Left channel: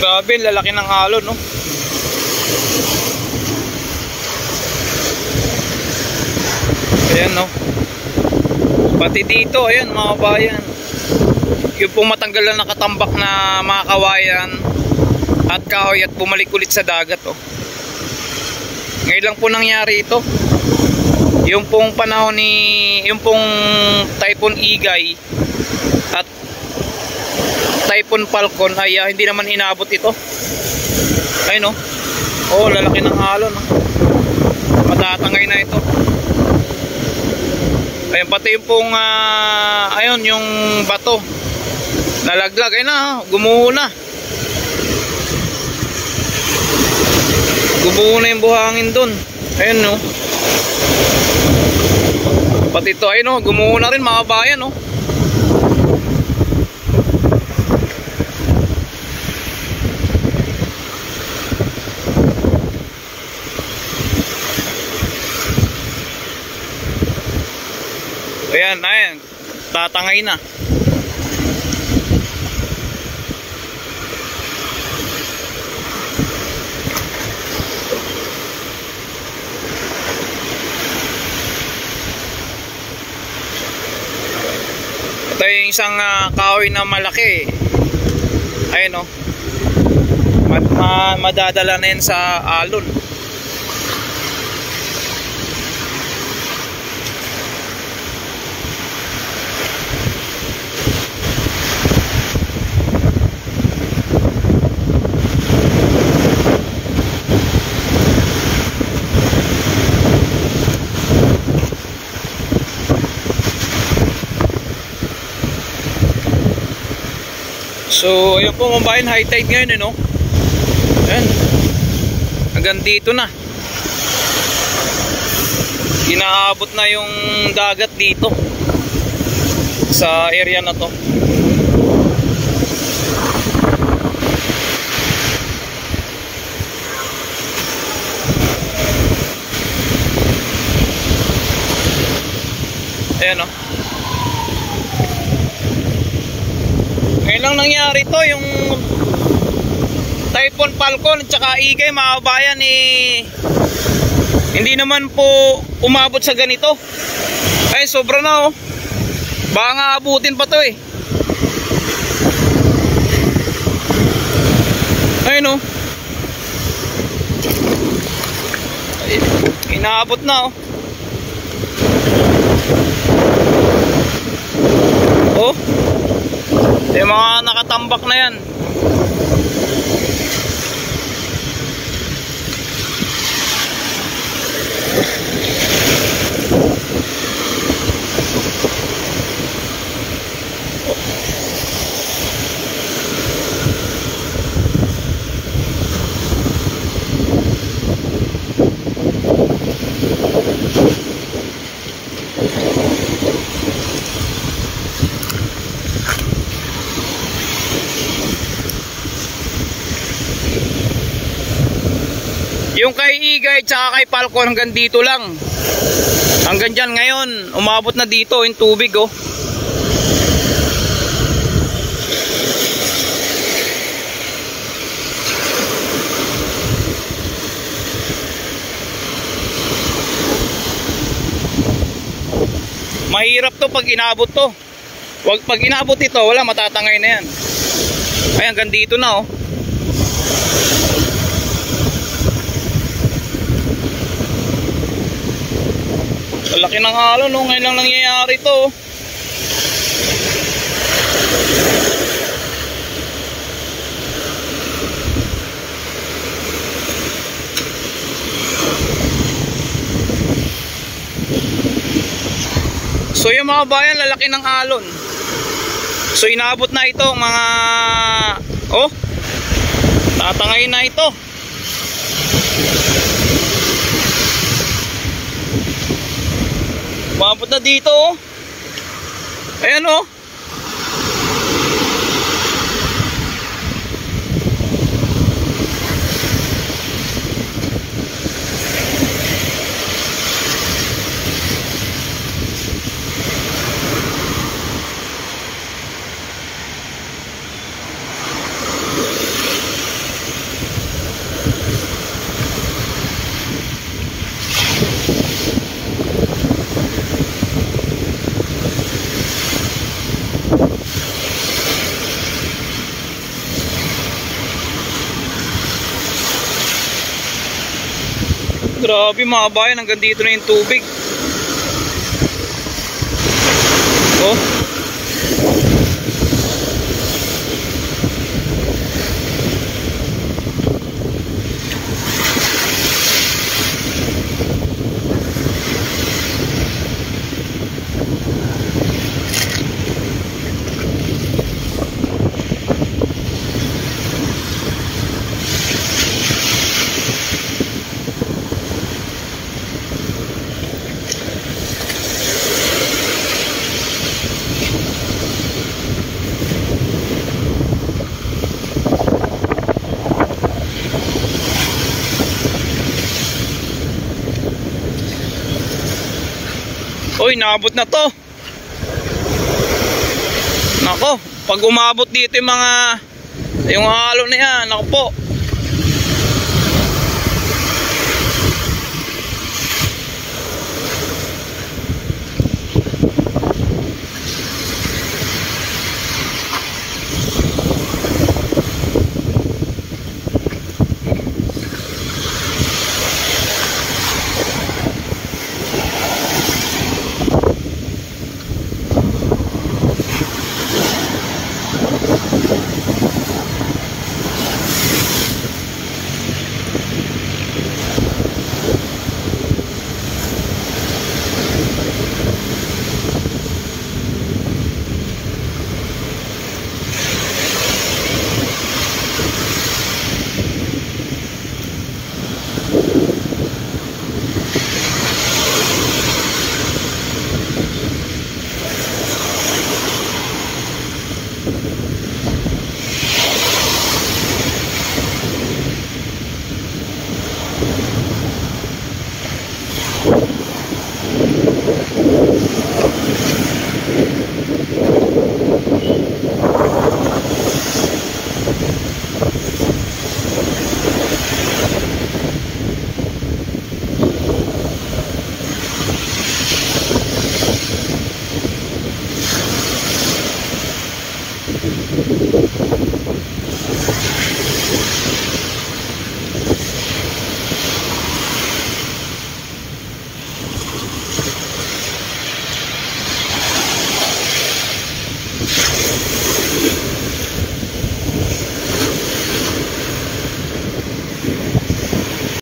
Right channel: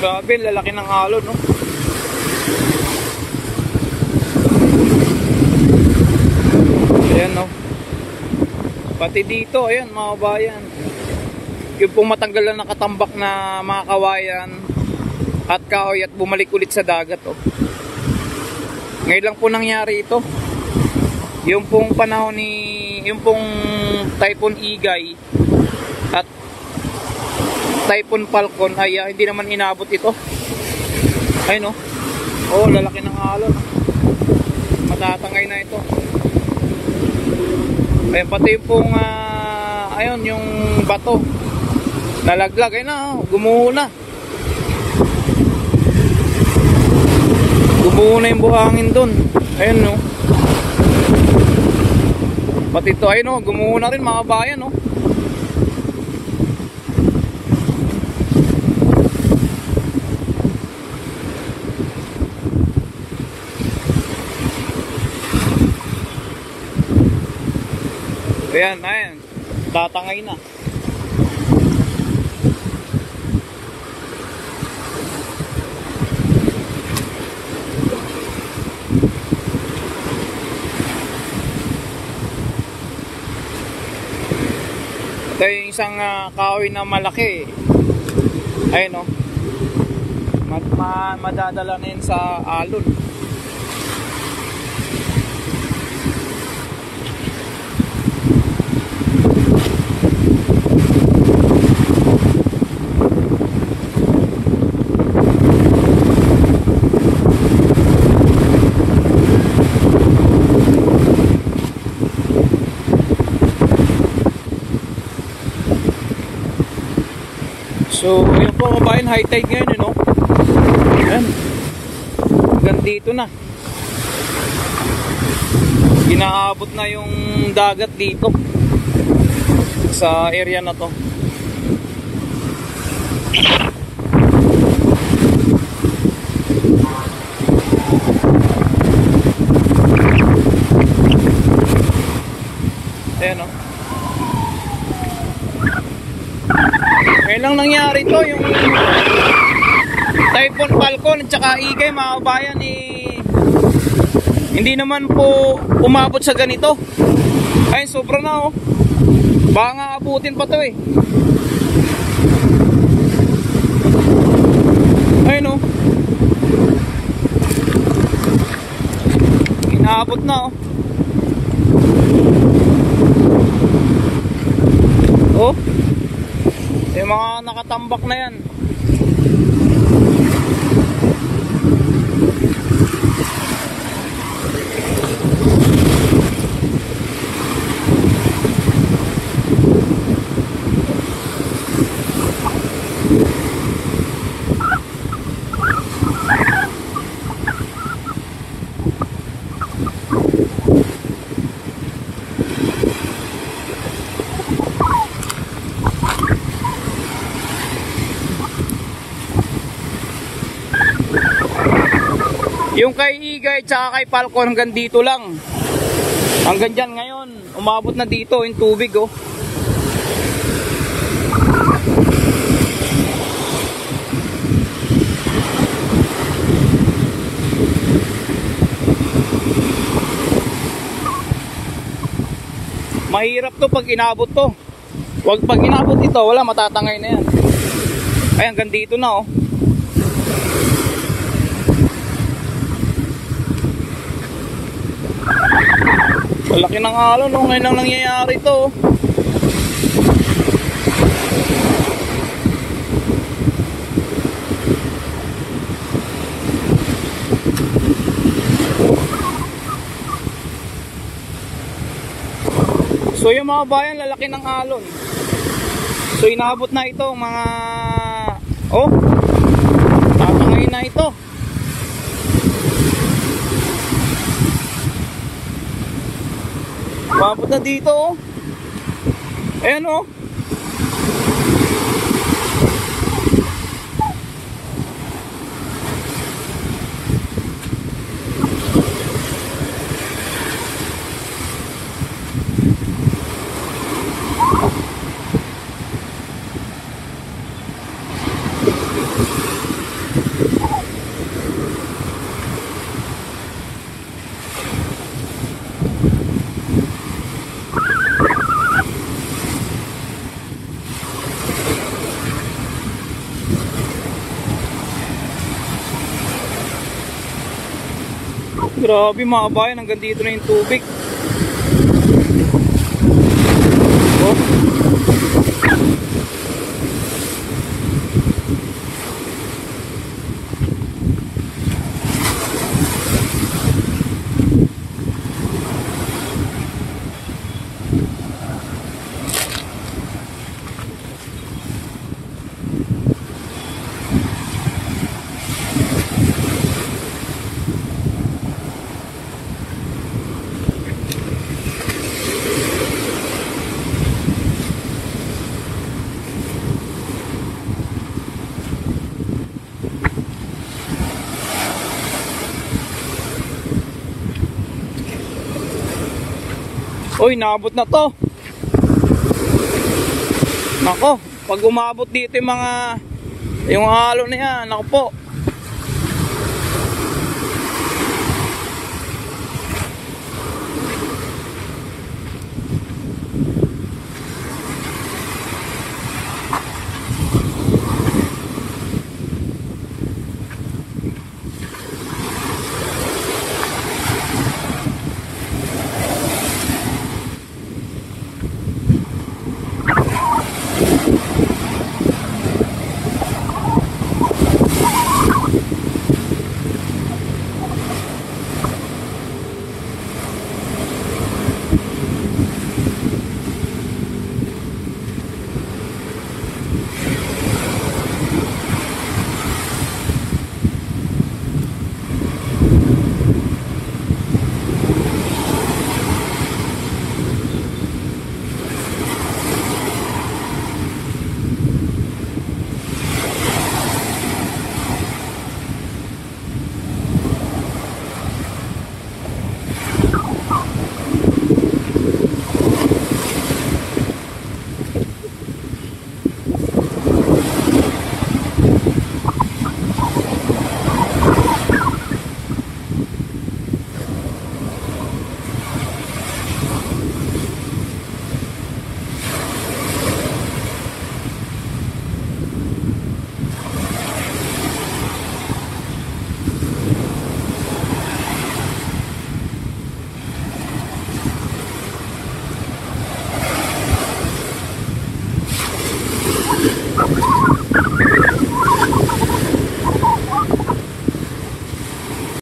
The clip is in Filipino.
Grabe, lalaki ng alon, no? Ayan, no? Pati dito, ayan mga kabayan, yung pong matanggal na nakatambak na mga kawayan at kahoy at bumalik ulit sa dagat, oh. Ngayon lang po nangyari ito. Yung pong panahon yung pong Typhoon Igay at Typhoon Falcon ay hindi naman inabot ito. Ayun, oh, lalaki ng alon, oh. Matatangay na ito. Ayun, pati yung pong ayun, yung bato nalaglag, ayun na, gumuho na. Gumuho na yung buhangin dun. Ayun, no. Pati ito, ayun, no, gumuho na rin mga bayan, no. Ayan, ayan, tatangay na. Ito yung isang kahoy na malaki. Ayun, oh. Madadala na yan sa alon. So, yun po mga bayan, high tide ngayon, no? Yan. Hanggang dito na. Inaabot na yung dagat dito sa area na to. Ayan, no? Ngayon lang nangyari to, yung Typhoon Falcon at saka Igay mga kabayan, hindi naman po umabot sa ganito. Ay, sobra na, oh. Baka nga abutin pa to, eh. Ayun, oh. Inaabot na, oh. Oh, yung mga nakatambak na yan. Yung kay Igay tsaka kay Falcon hanggang dito lang. Hanggang dyan ngayon, umabot na dito yung tubig, oh. Mahirap to pag inabot to. Wag pag inabot ito, wala, matatangay na yan. Ay, hanggang dito na, oh. Malaki ng alon, no? Ngayon lang nangyayari ito, oh. So yung mga bayan, lalaki ng alon. So inabot na ito mga, oh, tatangay na ito. Umabot na dito, oh. Ayan, oh. Grabe mga kabayan, hanggang dito na yung tubig. Oh. Uy, naabot na to. Nako, pag umabot dito yung halo na yan, nako po.